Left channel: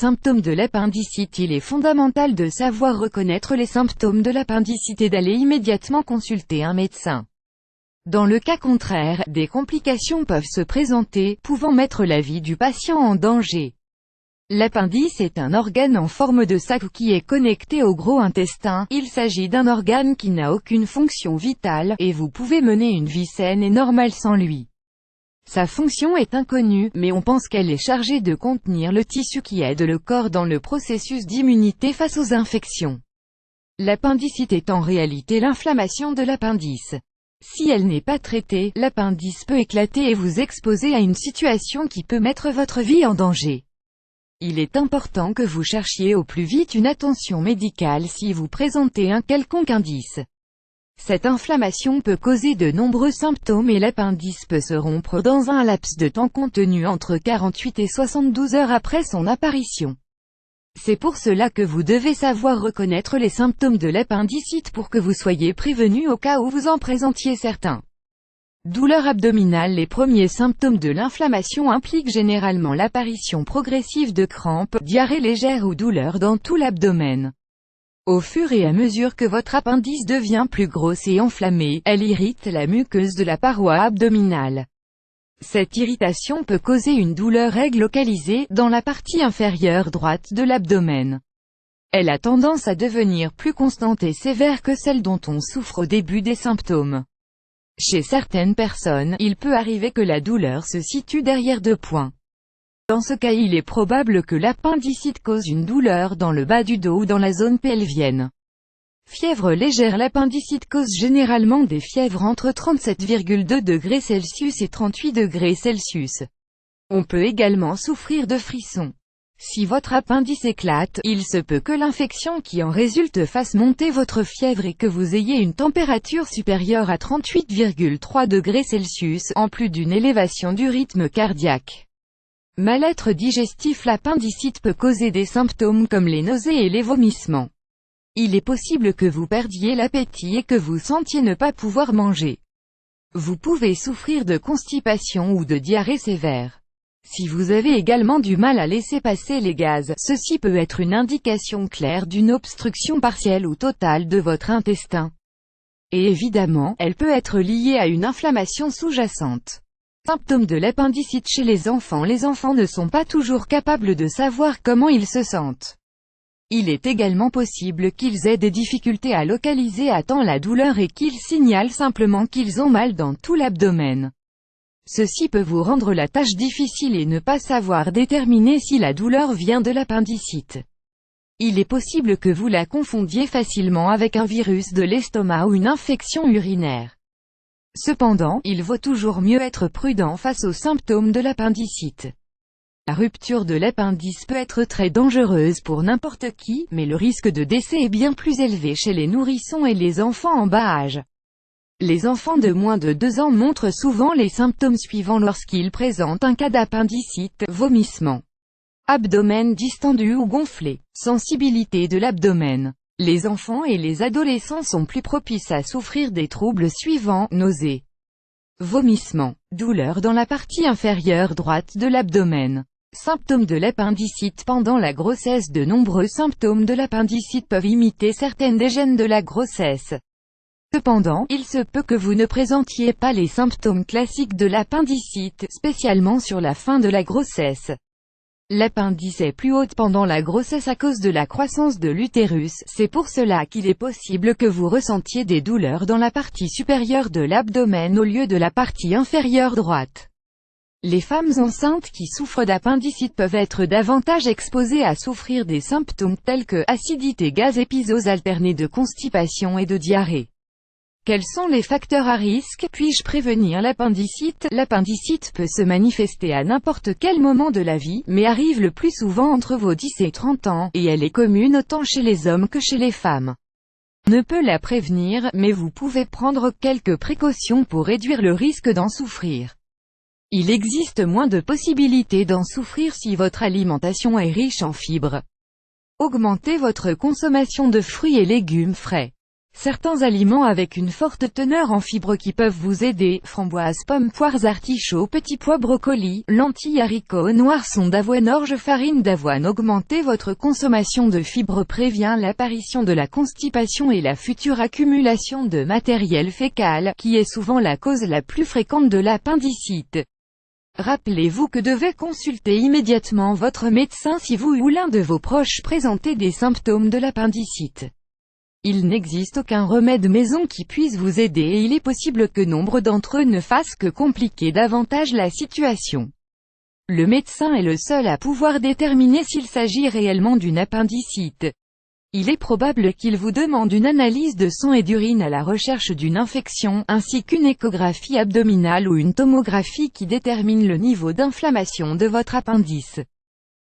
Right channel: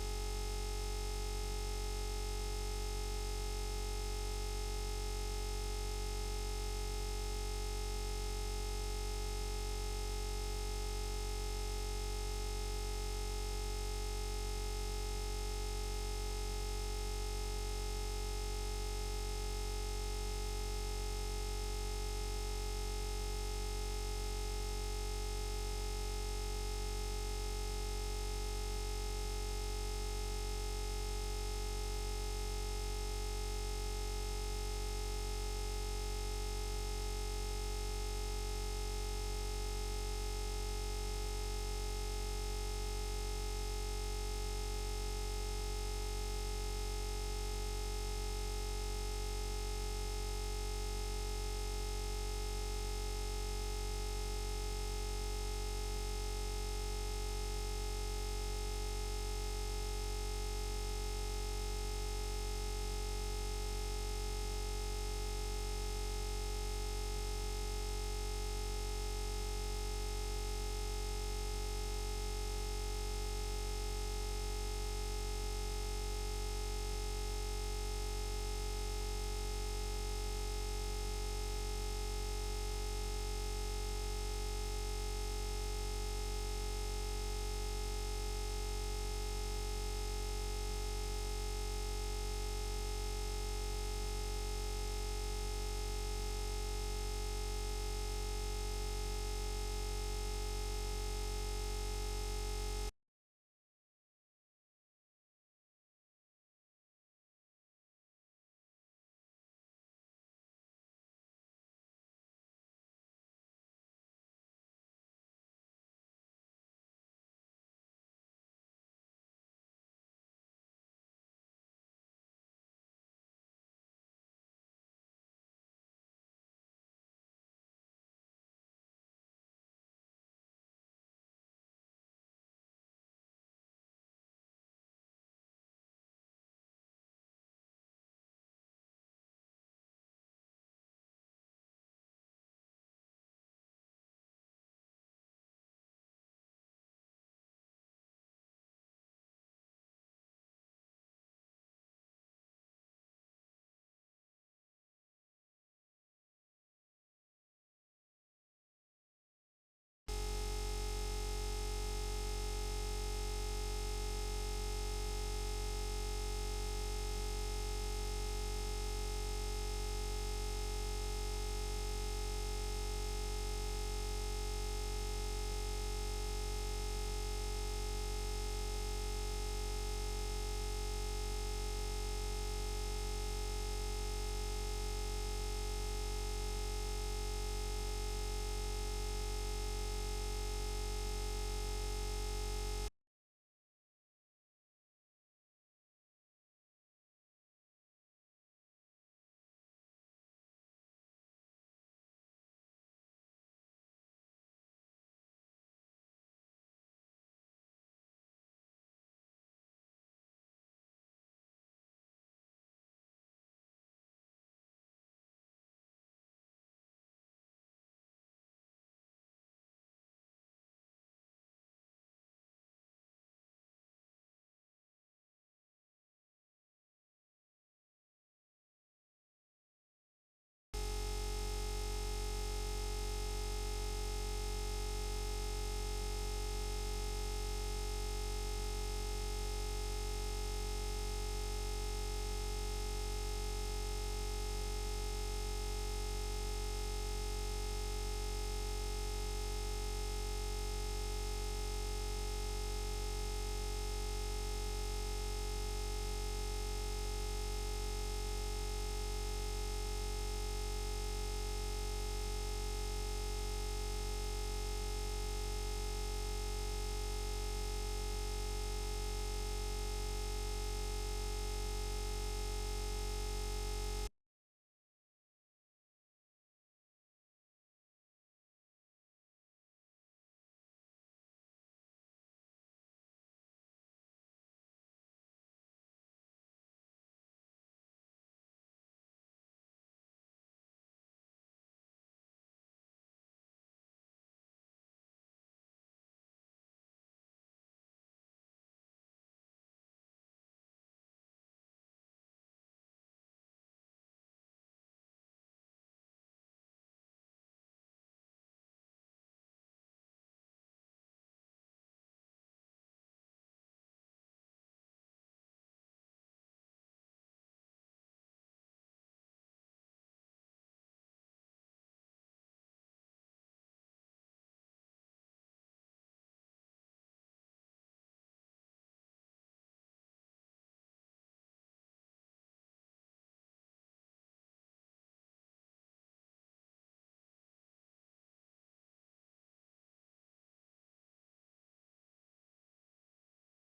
symptômes de l'appendicite. Il est fondamental de savoir reconnaître les symptômes de l'appendicite et d'aller immédiatement consulter un médecin. Dans le cas contraire, des complications peuvent se présenter, pouvant mettre la vie du patient en danger. L'appendice est un organe en forme de sac qui est connecté au gros intestin. Il s'agit d'un organe qui n'a aucune fonction vitale, et vous pouvez mener une vie saine et normale sans lui. Sa fonction est inconnue, mais on pense qu'elle est chargée de contenir le tissu qui aide le corps dans le processus d'immunité face aux infections. L'appendicite est en réalité l'inflammation de l'appendice. Si elle n'est pas traitée, l'appendice peut éclater et vous exposer à une situation qui peut mettre votre vie en danger. Il est important que vous cherchiez au plus vite une attention médicale si vous présentez un quelconque indice. Cette inflammation peut causer de nombreux symptômes et l'appendice peut se rompre dans un laps de temps contenu entre 48 et 72 heures après son apparition. C'est pour cela que vous devez savoir reconnaître les symptômes de l'appendicite pour que vous soyez prévenu au cas où vous en présentiez certains. Douleur abdominale. Les premiers symptômes de l'inflammation impliquent généralement l'apparition progressive de crampes, diarrhée légère ou douleurs dans tout l'abdomen. Au fur et à mesure que votre appendice devient plus grosse et enflammée, elle irrite la muqueuse de la paroi abdominale. Cette irritation peut causer une douleur aiguë localisée, dans la partie inférieure droite de l'abdomen. Elle a tendance à devenir plus constante et sévère que celle dont on souffre au début des symptômes. Chez certaines personnes, il peut arriver que la douleur se situe derrière 2 points. Dans ce cas, il est probable que l'appendicite cause une douleur dans le bas du dos ou dans la zone pelvienne. Fièvre légère. L'appendicite cause généralement des fièvres entre 37,2 degrés Celsius et 38 degrés Celsius. On peut également souffrir de frissons. Si votre appendice éclate, il se peut que l'infection qui en résulte fasse monter votre fièvre et que vous ayez une température supérieure à 38,3 degrés Celsius, en plus d'une élévation du rythme cardiaque. Mal-être digestif. L'appendicite peut causer des symptômes comme les nausées et les vomissements. Il est possible que vous perdiez l'appétit et que vous sentiez ne pas pouvoir manger. Vous pouvez souffrir de constipation ou de diarrhée sévère. Si vous avez également du mal à laisser passer les gaz, ceci peut être une indication claire d'une obstruction partielle ou totale de votre intestin. Et évidemment, elle peut être liée à une inflammation sous-jacente. Symptômes de l'appendicite chez les enfants. Les enfants ne sont pas toujours capables de savoir comment ils se sentent. Il est également possible qu'ils aient des difficultés à localiser à temps la douleur et qu'ils signalent simplement qu'ils ont mal dans tout l'abdomen. Ceci peut vous rendre la tâche difficile et ne pas savoir déterminer si la douleur vient de l'appendicite. Il est possible que vous la confondiez facilement avec un virus de l'estomac ou une infection urinaire. Cependant, il vaut toujours mieux être prudent face aux symptômes de l'appendicite. La rupture de l'appendice peut être très dangereuse pour n'importe qui, mais le risque de décès est bien plus élevé chez les nourrissons et les enfants en bas âge. Les enfants de moins de 2 ans montrent souvent les symptômes suivants lorsqu'ils présentent un cas d'appendicite: vomissement, abdomen distendu ou gonflé, sensibilité de l'abdomen. Les enfants et les adolescents sont plus propices à souffrir des troubles suivants: nausées, vomissement, douleur dans la partie inférieure droite de l'abdomen. Symptômes de l'appendicite pendant la grossesse. De nombreux symptômes de l'appendicite peuvent imiter certaines des gènes de la grossesse. Cependant, il se peut que vous ne présentiez pas les symptômes classiques de l'appendicite, spécialement sur la fin de la grossesse. L'appendice est plus haute pendant la grossesse à cause de la croissance de l'utérus. C'est pour cela qu'il est possible que vous ressentiez des douleurs dans la partie supérieure de l'abdomen au lieu de la partie inférieure droite. Les femmes enceintes qui souffrent d'appendicite peuvent être davantage exposées à souffrir des symptômes tels que acidité, gaz, épisodes alternés de constipation et de diarrhée. Quels sont les facteurs à risque? Puis-je prévenir l'appendicite? L'appendicite peut se manifester à n'importe quel moment de la vie, mais arrive le plus souvent entre vos 10 et 30 ans, et elle est commune autant chez les hommes que chez les femmes. On ne peut la prévenir, mais vous pouvez prendre quelques précautions pour réduire le risque d'en souffrir. Il existe moins de possibilités d'en souffrir si votre alimentation est riche en fibres. Augmentez votre consommation de fruits et légumes frais. Certains aliments avec une forte teneur en fibres qui peuvent vous aider, framboises, pommes, poires, artichauts, petits pois, brocolis, lentilles, haricots noirs, sont d'avoine, orge, farine d'avoine. Augmenter votre consommation de fibres prévient l'apparition de la constipation et la future accumulation de matériel fécal, qui est souvent la cause la plus fréquente de l'appendicite. Rappelez-vous que devez consulter immédiatement votre médecin si vous ou l'un de vos proches présentez des symptômes de l'appendicite. Il n'existe aucun remède maison qui puisse vous aider et il est possible que nombre d'entre eux ne fassent que compliquer davantage la situation. Le médecin est le seul à pouvoir déterminer s'il s'agit réellement d'une appendicite. Il est probable qu'il vous demande une analyse de sang et d'urine à la recherche d'une infection, ainsi qu'une échographie abdominale ou une tomographie qui détermine le niveau d'inflammation de votre appendice.